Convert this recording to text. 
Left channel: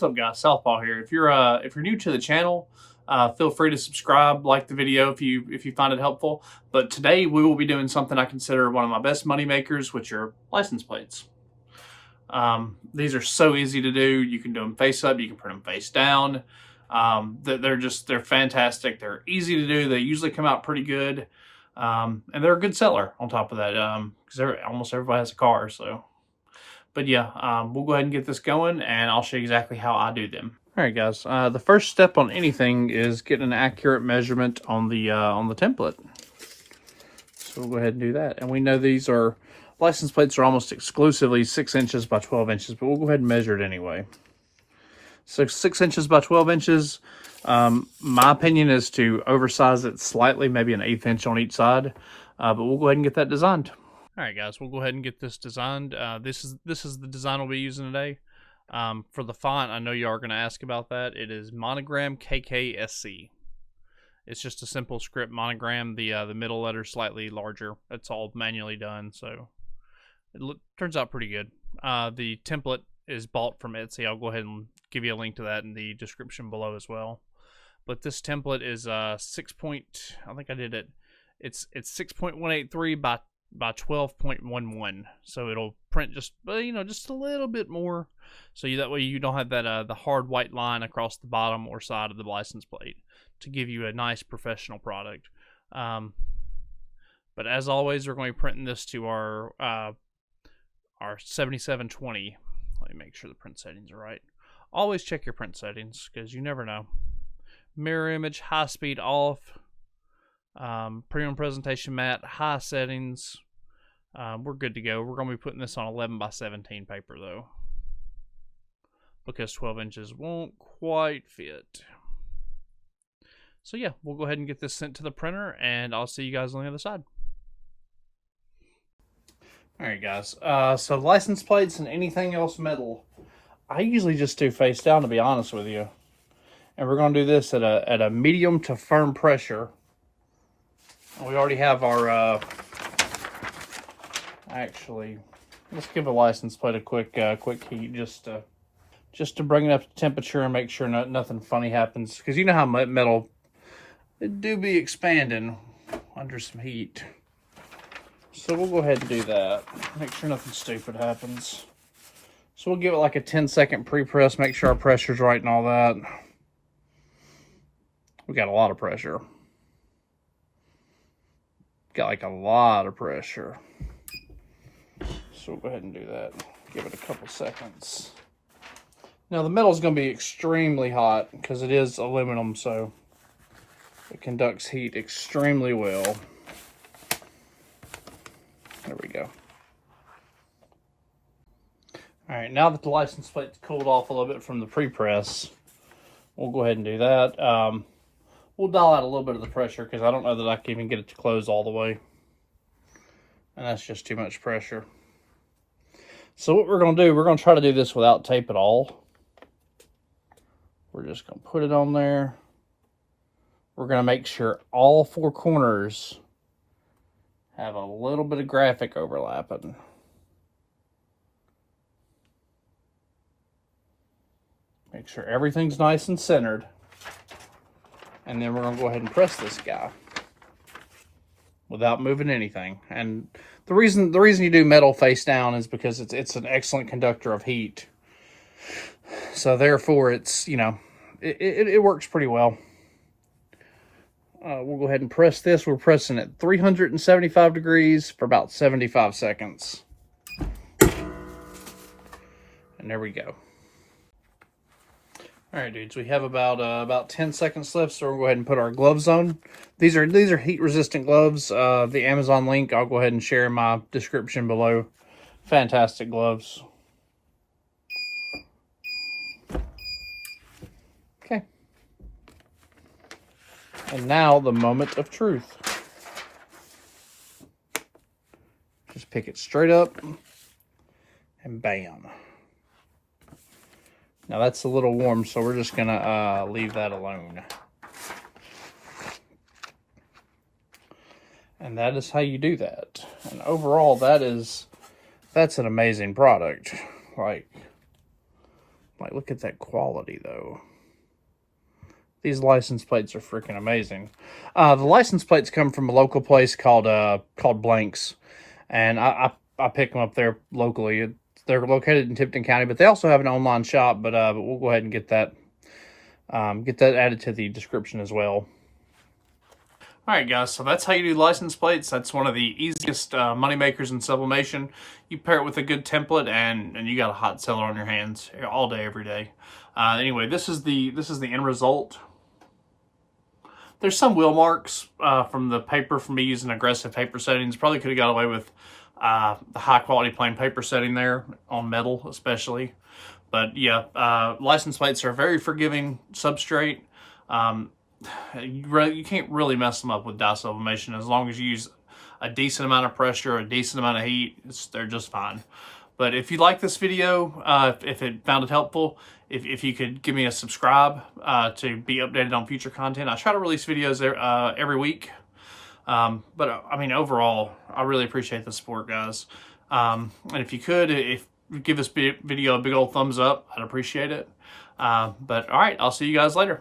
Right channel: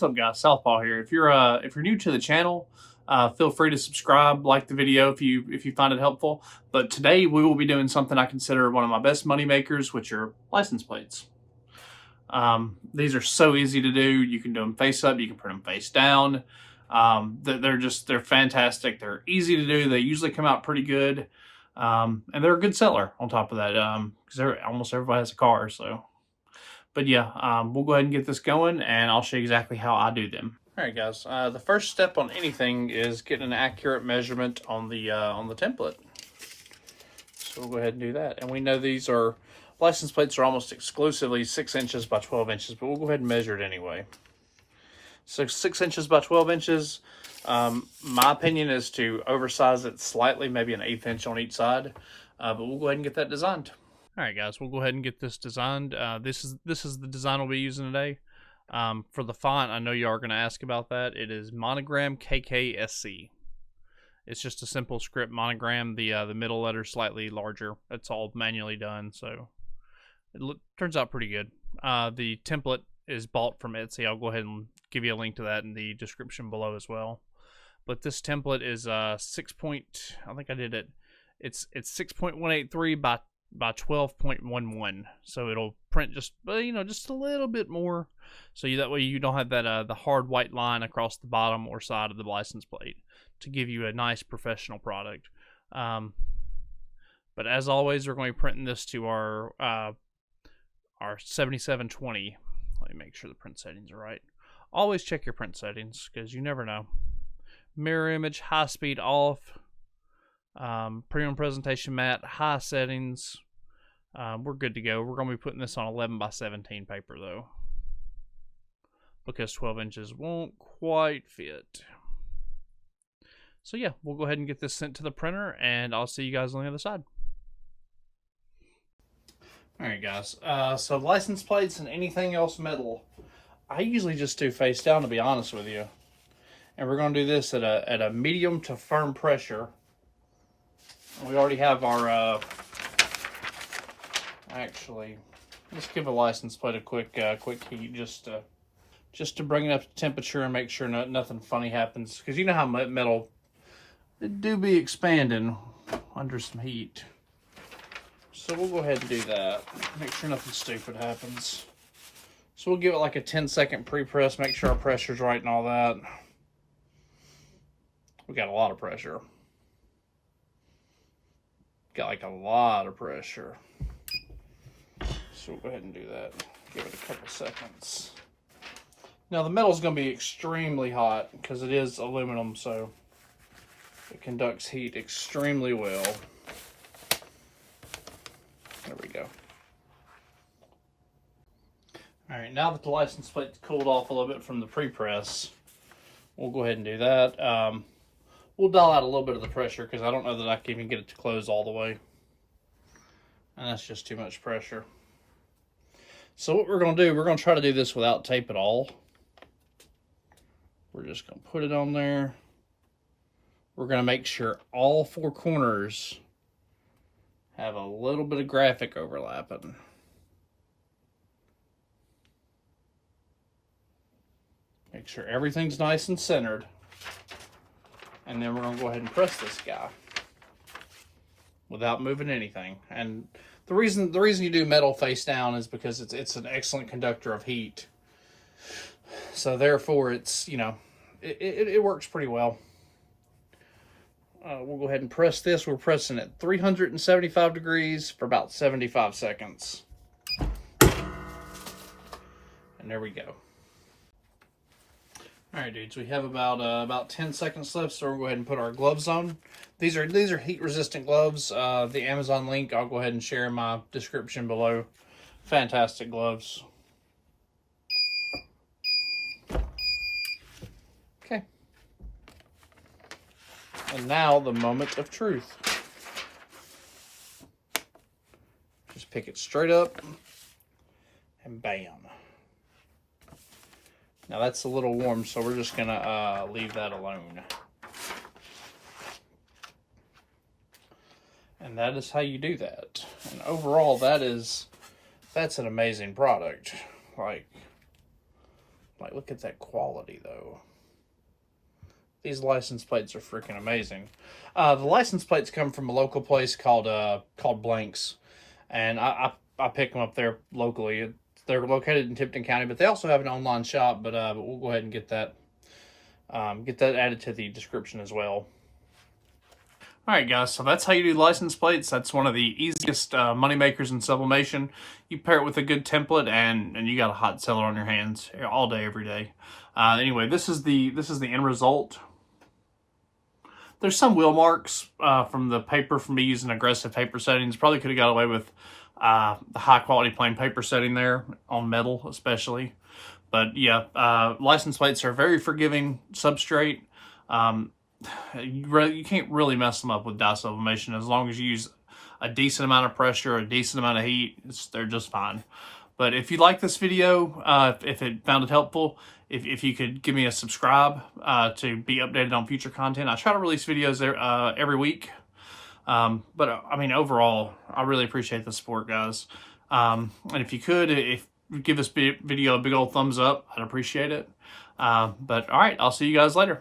What's up, guys? Southpaw here. If you're new to the channel, feel free to subscribe, like the video if you find it helpful. But today we will be doing something I consider one of my best money makers, which are license plates. These are so easy to do. You can do them face up, you can print them face down. They're fantastic. They're easy to do. They usually come out pretty good, and they're a good seller on top of that, because almost everybody has a car. So. But yeah, we'll go ahead and get this going, and I'll show you exactly how I do them. All right, guys. The first step on anything is getting an accurate measurement on the template. So we'll go ahead and do that. And we know these license plates are almost exclusively 6 inches by 12 inches, but we'll go ahead and measure it anyway. So 6 inches by 12 inches. My opinion is to oversize it slightly, maybe an 1/8 inch on each side. But we'll go ahead and get that designed. All right, guys, we'll go ahead and get this designed. This is the design we'll be using today. For the font, I know you are going to ask about that. It is Monogram KKSC. It's just a simple script monogram. The middle letter slightly larger. It's all manually done, so it turns out pretty good. The template is bought from Etsy. I'll go ahead and give you a link to that in the description below as well. But this template is I think I did it. It's 6.183 by 12.11, so it'll print just a little bit more, so that way you don't have that the hard white line across the bottom or side of the license plate, to give you a nice professional product. But as always, we're going to be printing this to our 7720. Let me make sure the print settings are right. Always check your print settings, because you never know. Mirror image, high speed off. Premium presentation matte, high settings. We're good to go. We're going to be putting this on 11 by 17 paper though, because 12 inches won't quite fit. So yeah, we'll go ahead and get this sent to the printer, and I'll see you guys on the other side. Alright, guys, so license plates and anything else metal, I usually just do face down, to be honest with you. And we're going to do this at a medium to firm pressure. We already have our, actually, let's give a license plate a quick heat, just to bring it up to temperature and make sure nothing funny happens. Because you know how metal, it do be expanding under some heat. So we'll go ahead and do that. Make sure nothing stupid happens. So we'll give it like a 10-second pre-press, make sure our pressure's right and all that. We got a lot of pressure. Got like a lot of pressure. So we'll go ahead and do that. Give it a couple seconds. Now the metal is going to be extremely hot because it is aluminum, so it conducts heat extremely well. There we go. Alright, now that the license plate's cooled off a little bit from the pre-press, we'll go ahead and do that. We'll dial out a little bit of the pressure because I don't know that I can even get it to close all the way. And that's just too much pressure. So what we're going to do, we're going to try to do this without tape at all. We're just going to put it on there. We're going to make sure all 4 corners have a little bit of graphic overlapping. Make sure everything's nice and centered. And then we're going to go ahead and press this guy without moving anything. And the reason you do metal face down is because it's an excellent conductor of heat. So therefore it's, it works pretty well. We'll go ahead and press this. We're pressing at 375 degrees for about 75 seconds. And there we go. All right, dudes, we have about 10 seconds left, so we'll go ahead and put our gloves on. These are heat-resistant gloves. The Amazon link, I'll go ahead and share in my description below. Fantastic gloves. Okay. And now, the moment of truth. Just pick it straight up, and bam. Now that's a little warm, so we're just gonna leave that alone. And that is how you do that. And overall, that's an amazing product. Like, Like, look at that quality, though. These license plates are freaking amazing. The license plates come from a local place called Blanks, and I pick them up there locally. They're located in Tipton County, but they also have an online shop. But we'll go ahead and get that added to the description as well. All right, guys, so that's how you do license plates. That's one of the easiest money makers in sublimation. You pair it with a good template, and you got a hot seller on your hands all day, every day. Anyway, this is the end result. There's some wheel marks from the paper from me using aggressive paper settings. Probably could have got away with the high quality plain paper setting there on metal, especially. But yeah, license plates are a very forgiving substrate. You can't really mess them up with dye sublimation as long as you use a decent amount of pressure, a decent amount of heat. They're just fine. But if you like this video, if it found it helpful, if you could give me a subscribe to be updated on future content. I try to release videos every week. But I mean, overall, I really appreciate the support, guys. And if you could, give this video a big old thumbs up, I'd appreciate it. But all right, I'll see you guys later.